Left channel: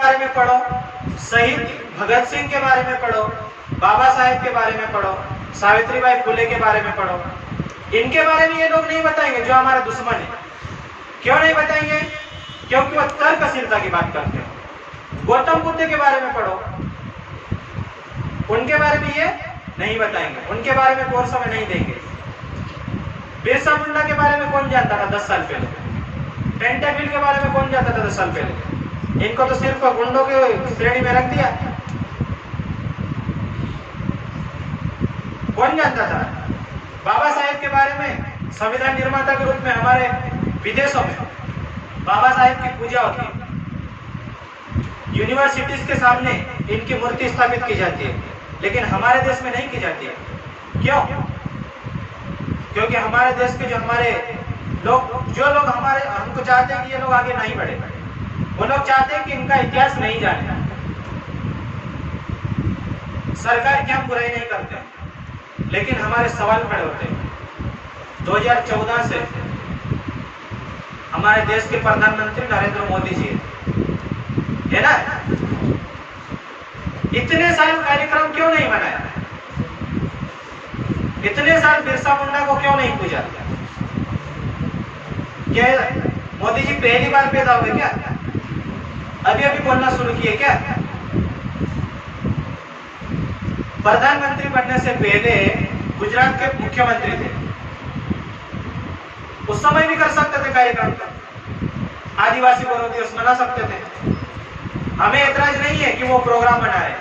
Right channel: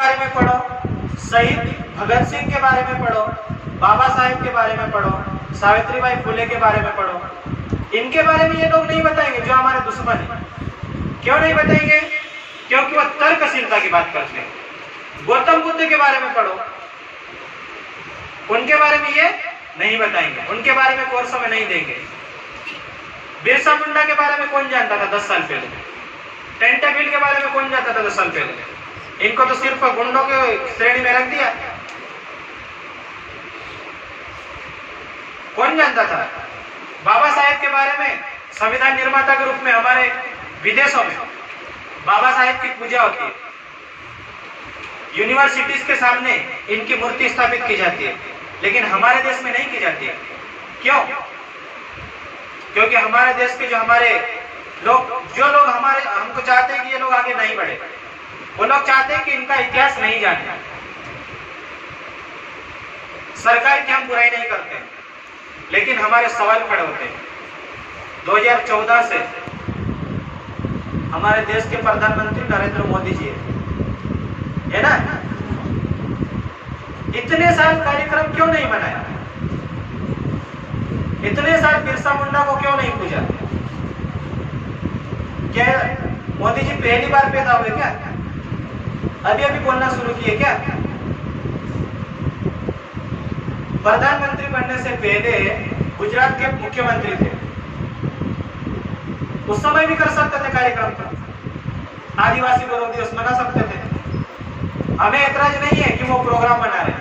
बारे में पढ़ो, शहीद भगत सिंह के बारे में पढ़ो, बाबा साहेब के बारे में पढ़ो, सावित्रीबाई फुले के बारे में पढ़ो। इनके बारे में ये लोग नहीं बताएंगे जो हमारे दुश्मन है। क्यों नहीं बताएंगे? क्योंकि वो तर्कशीलता की बात करते हैं। गौतम बुद्ध के बारे में पढ़ो, उनके बारे में ये नहीं बताएंगे, उनके बारे में कोर्स में नहीं देंगे। बिरसा मुंडा के बारे में कौन जानता था 10 साल पहले? टेंटाबिल के बारे में कौन जानता था 10 साल पहले? इनको तो सिर्फ गुंडों के श्रेणी में रख दिया। कौन जानता था? बाबा साहेब के बारे में संविधान निर्माता के रूप में हमारे विदेशों में बाबा साहेब की पूजा होती है, यूनिवर्सिटीज के सामने इनकी मूर्ति स्थापित की जाती है, लेकिन हमारे देश में नहीं की जाती है। क्यों? क्योंकि हमारे देश के जो लोग हमारे हमको चाहते हैं कि ये लोग आगे नहीं बढ़े, वो लोग चाहते हैं कि इनका इतिहास नहीं जाने। सरकार की हम बुराई नहीं करते, लेकिन हमारे सवाल खड़े होते हैं। 2014 से हमारे देश के प्रधानमंत्री नरेंद्र मोदी जी है ना, इतने साल कार्यक्रम क्यों नहीं बनाया? इतने साल बिरसा मुंडा को क्यों नहीं पूजा? क्या मोदी जी पहली बार पैदा हुए क्या? अभी अभी बोलना शुरू किए क्या? प्रधानमंत्री बनने से पहले गुजरात के मुख्यमंत्री थे, उस समय भी कर सकते थे कार्यक्रम, तो आदिवासी गौरव दिवस मना सकते थे। हमें ऐतराज नहीं है कि वो प्रोग्राम बना रहे।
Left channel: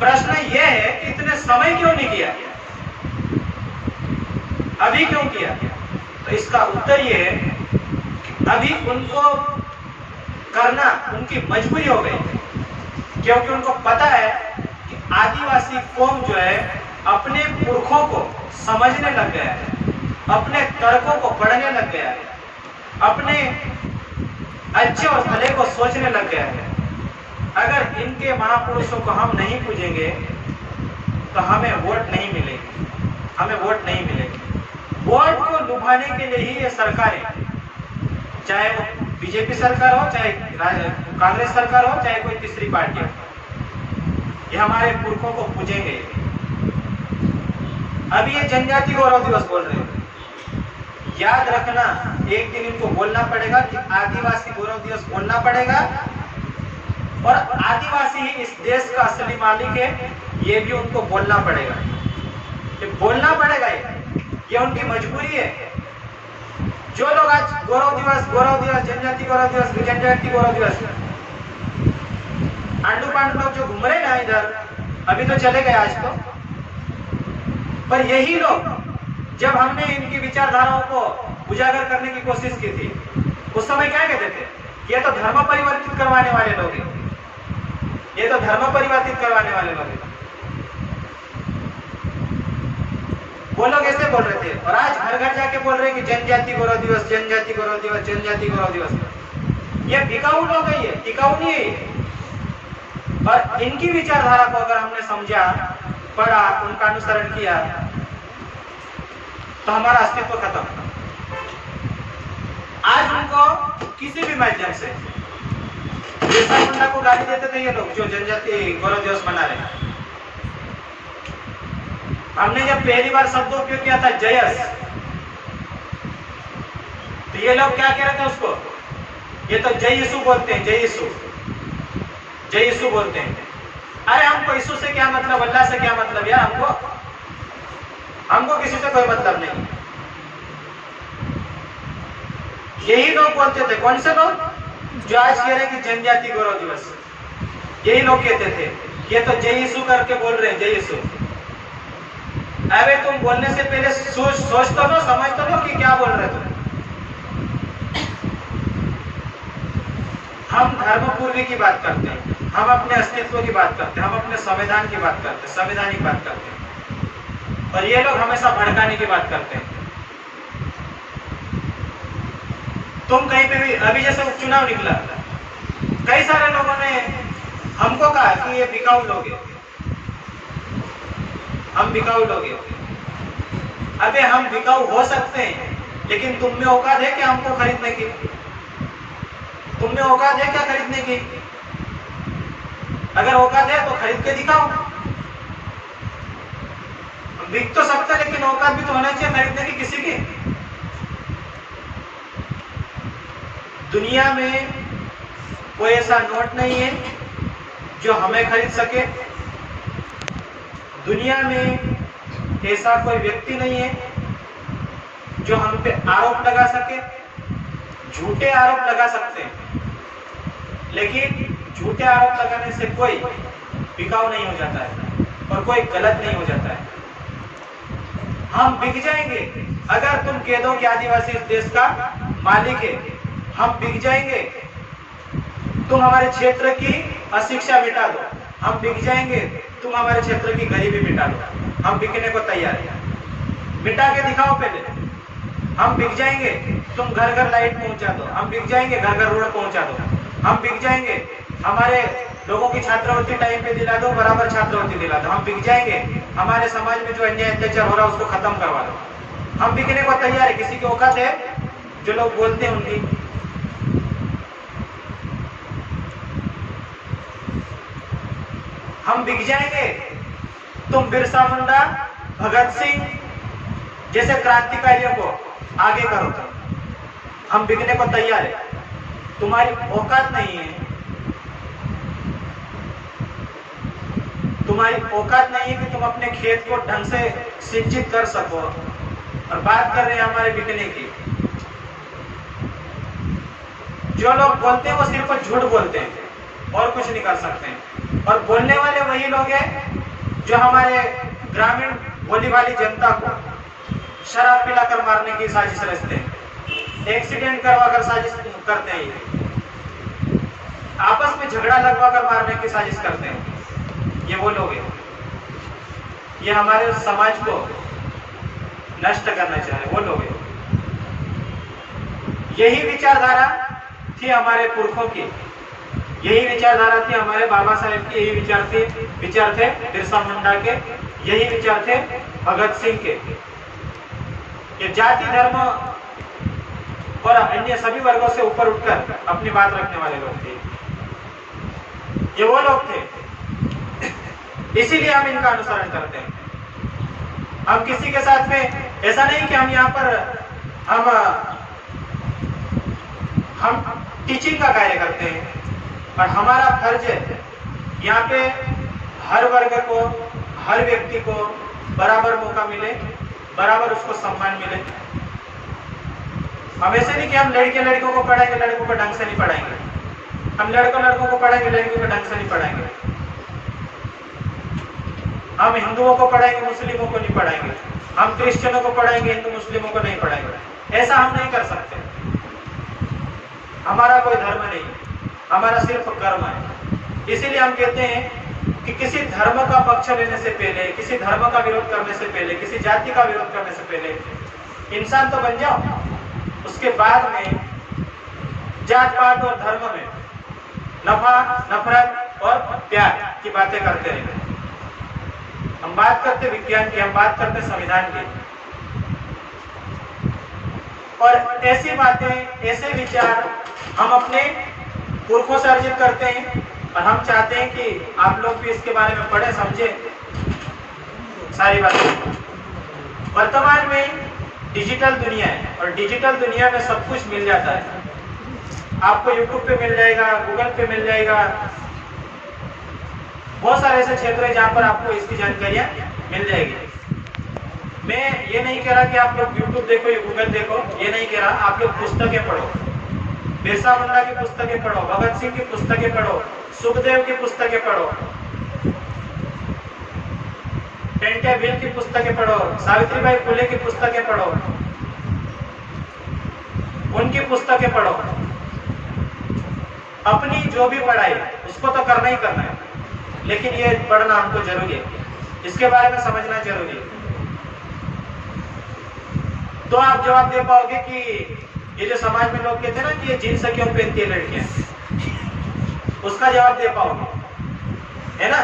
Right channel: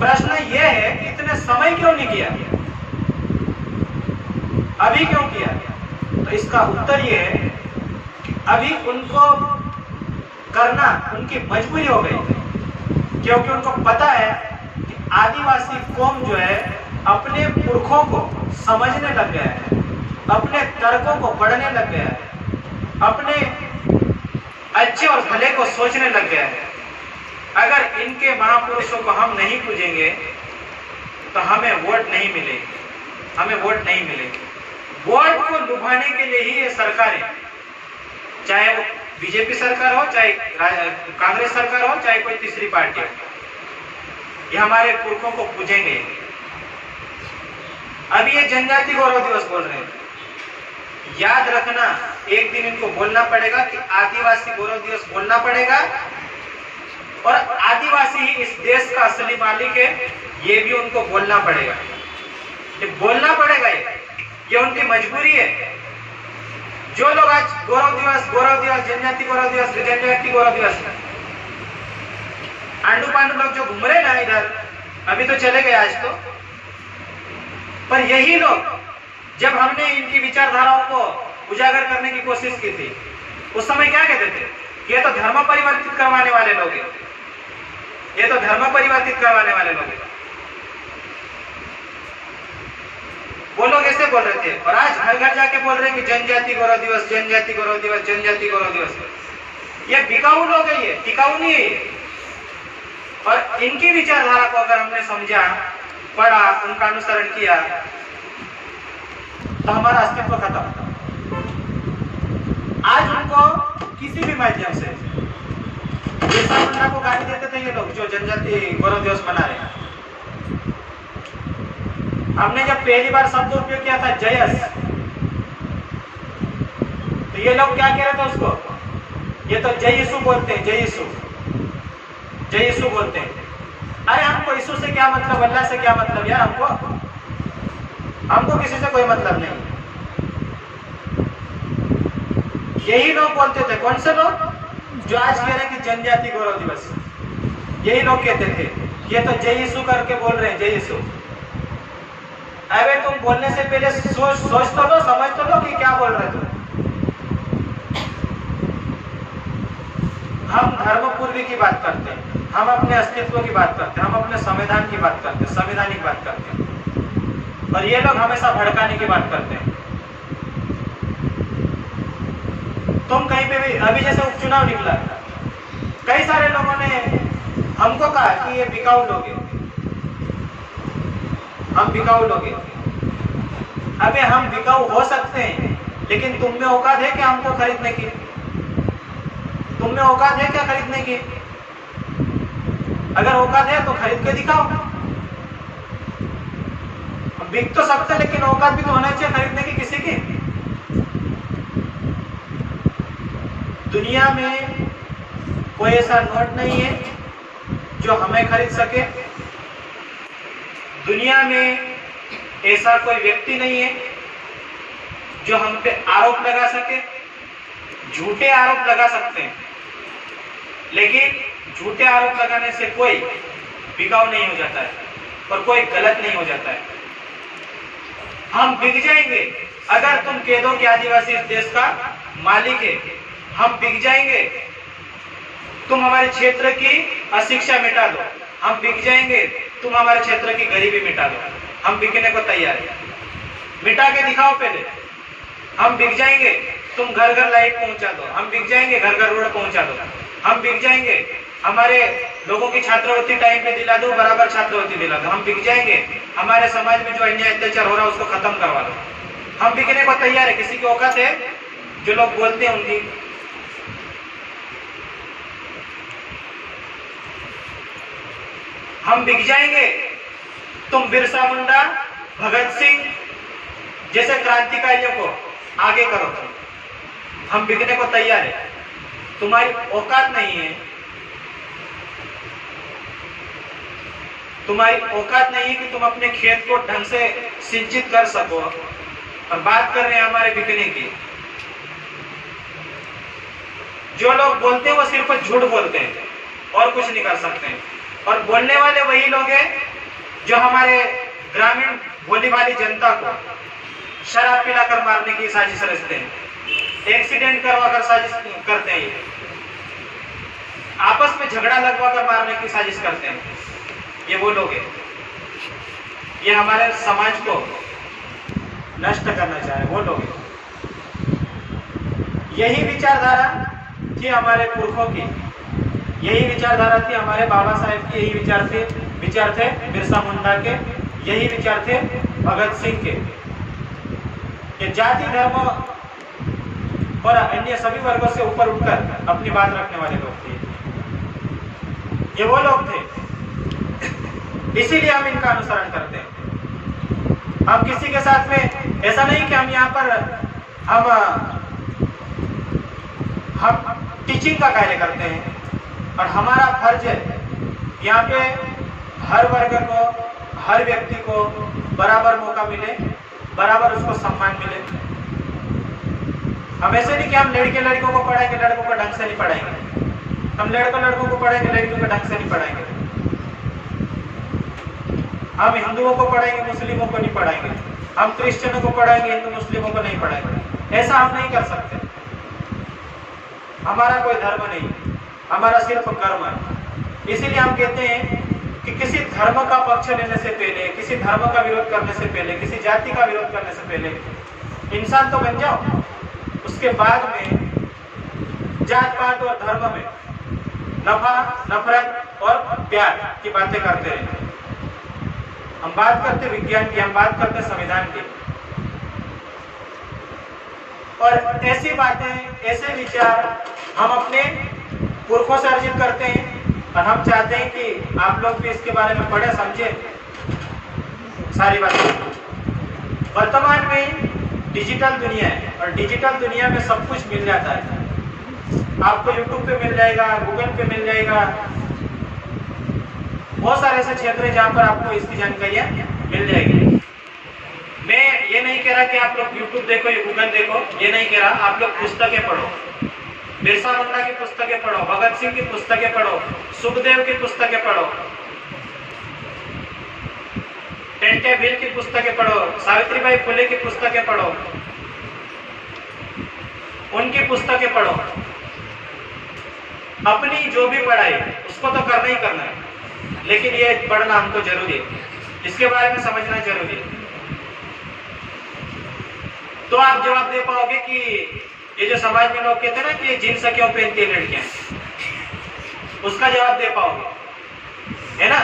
प्रश्न ये है कि इतने समय क्यों नहीं किया, अभी क्यों किया? तो इसका उत्तर ये है, अभी उनको करना उनकी मजबूरी हो गई, क्योंकि उनको पता है कि आदिवासी कौम जो है अपने पुरखों को समझने लग गया है, अपने तर्कों को पढ़ने लग गया है, अपने अच्छे और भले को सोचने लग गया है। अगर इनके महापुरुषों को हम नहीं पूजेंगे तो हमें वोट नहीं मिलेगी, हमें वोट नहीं मिलेगी। वोट को लुभाने के लिए ही ये सरकारें, चाहे वो बीजेपी सरकार हो, चाहे कांग्रेस सरकार हो, चाहे कोई तीसरी पार्टी हो, ये हमारे पुरखों को पूजेंगे। अभी ये जनजाति गौरव दिवस बोल रहे हैं, याद रखना एक दिन इनको बोलना पड़ेगा कि आदिवासी गौरव दिवस बोलना पड़ेगा, और आदिवासी ही इस देश का असली मालिक है, ये भी उनको बोलना पड़ेगा। ये बोलना पड़ेगा, ये उनकी मजबूरी है। जो लोग आज गौरव दिवस, जनजाति गौरव दिवस, जनजाति गौरव दिवस, आंडू पांडू लोग जो घूम रहे ना इधर, अभी तो चले गए आज तो, पर यही लोग जब हमने इनकी विचारधाराओं को उजागर करने की कोशिश की थी, उस समय क्या कहते थे? ये तो धर्म परिवर्तित करवाने वाले लोग हैं, ये तो धर्म परिवर्तित करवाने वाले लोग हैं, वो लोग ऐसे बोल रहे थे। और आज घर घर जाके बोल रहे हैं कि जनजाति गौरव दिवस, जनजाति गौरव दिवस, जनजाति गौरव दिवस। ये बिकाऊ लोग है, ये टिकाऊ नहीं है। और इनकी विचारधारा को अगर हमने समझा, पढ़ा, उनका अनुसरण किया, तो हमारा अस्तित्व खत्म। आज उनको किसी भी माध्यम से बिरसा मुंडा को गाली देते थे ये लोग जो जनजाति गौरव दिवस मना रहे हैं। हमने जब पहली बार शब्द उपयोग किया था जयस, तो ये लोग क्या कह रहे थे उसको? ये तो जय यीशु बोलते हैं, जय यीशु, जय यीशु बोलते हैं। अरे हमको यीशु से क्या मतलब, अल्लाह से क्या मतलब यार? हमको किसी से कोई मतलब नहीं। यही लोग बोलते थे। कौन से लोग? जो आज कह रहे हैं कि जनजाति गौरव दिवस, यही लोग कहते थे ये तो जय यीशु करके बोल रहे हैं, जय यीशु। अरे तुम बोलने से पहले सोच तो लो, समझ तो लो कि क्या बोल रहे तुम। हम धर्मपूर्वी की बात करते हैं, हम अपने अस्तित्व की बात करते हैं, हम अपने संविधान की बात करते हैं, संवैधानिक बात करते हैं, और ये लोग हमेशा भड़काने की बात करते हैं। तुम कहीं पे भी, अभी जैसे उपचुनाव निकला, कई सारे लोगों ने हमको कहा कि ये बिकाऊ लोग हैं, हम बिकाऊ लोग हैं। अबे हम बिकाऊ हो सकते हैं, लेकिन तुम में औकात है कि हमको खरीदने की? तुम में औकात है क्या खरीदने की? अगर औकात है तो खरीद के दिखाओ। बिक तो सकते लेकिन औकात भी तो होना चाहिए खरीदने की किसी की। दुनिया में कोई ऐसा नोट नहीं है जो हमें खरीद सके। दुनिया में ऐसा कोई व्यक्ति नहीं है जो हम पे आरोप लगा सके। झूठे आरोप लगा सकते हैं, लेकिन झूठे आरोप लगाने से कोई बिकाऊ नहीं हो जाता है और कोई गलत नहीं हो जाता है। हम बिक जाएंगे अगर तुम कह दो कि आदिवासी इस देश का मालिक है। हम बिक जाएंगे। तुम हमारे क्षेत्र की अशिक्षा मिटा दो। हम बिक जाएंगे। तुम हमारे क्षेत्र की गरीबी मिटा दो। हम बिकने को तैयार है। मिटा के दिखाओ पहले। हम बिक जाएंगे। तुम घर घर लाइट पहुंचा दो। हम बिक जाएंगे। घर घर रोड पहुंचा दो। हम बिक जाएंगे। हमारे लोगों की छात्रवृत्ति टाइम पे दिला दो, बराबर छात्रवृत्ति दिला दो। हम बिक जाएंगे। हमारे समाज में जो अन्याय अत्याचार हो रहा है उसको खत्म करवा दो। हम बिकने को तैयार है। किसी की औकात है? जो लोग बोलते हैं उनकी। हम बिक जाएंगे। तुम बिरसा मुंडा, भगत सिंह जैसे क्रांतिकारियों को आगे करो। हम बिकने को तैयार है। तुम्हारी औकात नहीं है। तुम्हारी औकात नहीं है कि तुम अपने खेत को ढंग से सिंचित कर सको। और बात कर रहे हैं हमारे बिकने की। जो लोग बोलते हैं वो सिर्फ झूठ बोलते हैं और कुछ नहीं कर सकते हैं। और बोलने वाले वही लोग हैं जो हमारे ग्रामीण भोली भाली जनता को शराब पिलाकर मारने की साजिश रचते हैं। एक्सीडेंट करवाकर साजिश करते हैं। ये आपस में झगड़ा लगवाकर मारने की साजिश करते हैं। ये वो लोग हैं। ये हमारे समाज को नष्ट करना चाहे वो लोग हैं। यही विचारधारा थी हमारे पुरखों की। यही विचारधारा थी हमारे बाबा साहेब की। यही विचार थे बिरसा मुंडा के। यही विचार थे भगत सिंह के। ये जाति धर्म और अन्य सभी वर्गों से ऊपर उठकर अपनी बात रखने वाले लोग थे। ये वो लोग थे। इसीलिए हम इनका अनुसरण करते हैं। हम किसी के साथ में ऐसा नहीं कि हम यहाँ पर हम टीचिंग का कार्य करते हैं और हमारा फर्ज है यहाँ पे हर वर्ग को, हर व्यक्ति को बराबर मौका मिले, बराबर उसको सम्मान मिले। हम ऐसे नहीं कि हम लड़कों को पढ़ाएंगे, लड़कों को ढंग से नहीं पढ़ाएंगे। हम लड़कों को पढ़ाएंगे, लड़कियों को ढंग से नहीं पढ़ाएंगे। हम हिंदुओं को पढ़ाएंगे, मुस्लिमों को नहीं पढ़ाएंगे। हम क्रिश्चियनों को पढ़ाएंगे, हिंदू मुस्लिमों को नहीं पढ़ाएंगे। ऐसा हम नहीं कर सकते। हमारा कोई धर्म नहीं, हमारा सिर्फ कर्म है। इसीलिए हम कहते हैं कि किसी धर्म का पक्ष लेने से पहले, किसी धर्म का विरोध करने से पहले, किसी जाति का विरोध करने से पहले इंसान तो बन जाओ। उसके बाद में जात पात और धर्म में नफा, नफरत और प्यार की बातें करते रहते हैं। हम बात करते विज्ञान की, हम बात करते संविधान की। और ऐसी बातें, ऐसे विचार हम अपने पुरखों से अर्जित करते हैं। और हम चाहते हैं कि आप लोग भी इसके बारे में पढ़े, समझे सारी बातें। वर्तमान में डिजिटल दुनिया है और डिजिटल दुनिया में सब कुछ मिल जाता है। आपको यूट्यूब पे मिल जाएगा, गूगल पे मिल जाएगा। बहुत सारे ऐसे क्षेत्र है जहाँ पर आपको इसकी जानकारियाँ मिल जाएगी। मैं ये नहीं कह रहा कि आप लोग यूट्यूब देखो या गूगल देखो, ये नहीं कह रहा। आप लोग पुस्तकें पढ़ो, बिरसा मुंडा की पुस्तकें पढ़ो, भगत सिंह की पुस्तकें पढ़ो, सुखदेव की पुस्तकें पढ़ो, टेंटे भील की पुस्तकें पढ़ो, सावित्रीबाई फुले की पुस्तकें पढ़ो, उनकी पुस्तकें पढ़ो। अपनी जो भी पढ़ाई उसको तो करना ही करना है, लेकिन ये पढ़ना हमको जरूरी है। इसके बारे में समझना जरूरी है। तो आप जवाब दे पाओगे कि ये जो समाज में लोग कहते हैं ना कि ये जींस क्यों पहनती है लड़कियां, उसका जवाब दे पाओगे, है ना?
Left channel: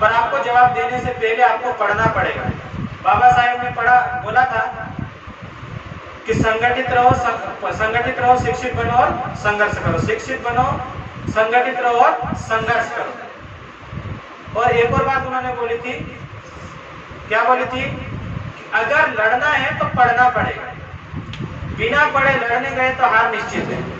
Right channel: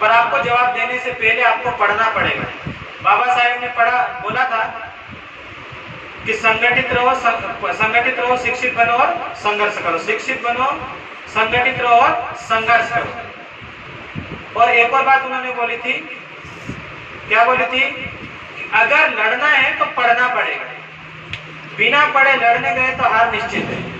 पर आपको जवाब देने से पहले आपको पढ़ना पड़ेगा। बाबा साहेब ने बोला था कि संगठित रहो, शिक्षित बनो और संघर्ष करो, शिक्षित बनो, संगठित रहो और संघर्ष करो। और एक और बात उन्होंने बोली थी, क्या बोली थी? अगर लड़ना है तो पढ़ना पड़ेगा, बिना पढ़े लड़ने गए तो हार निश्चित है।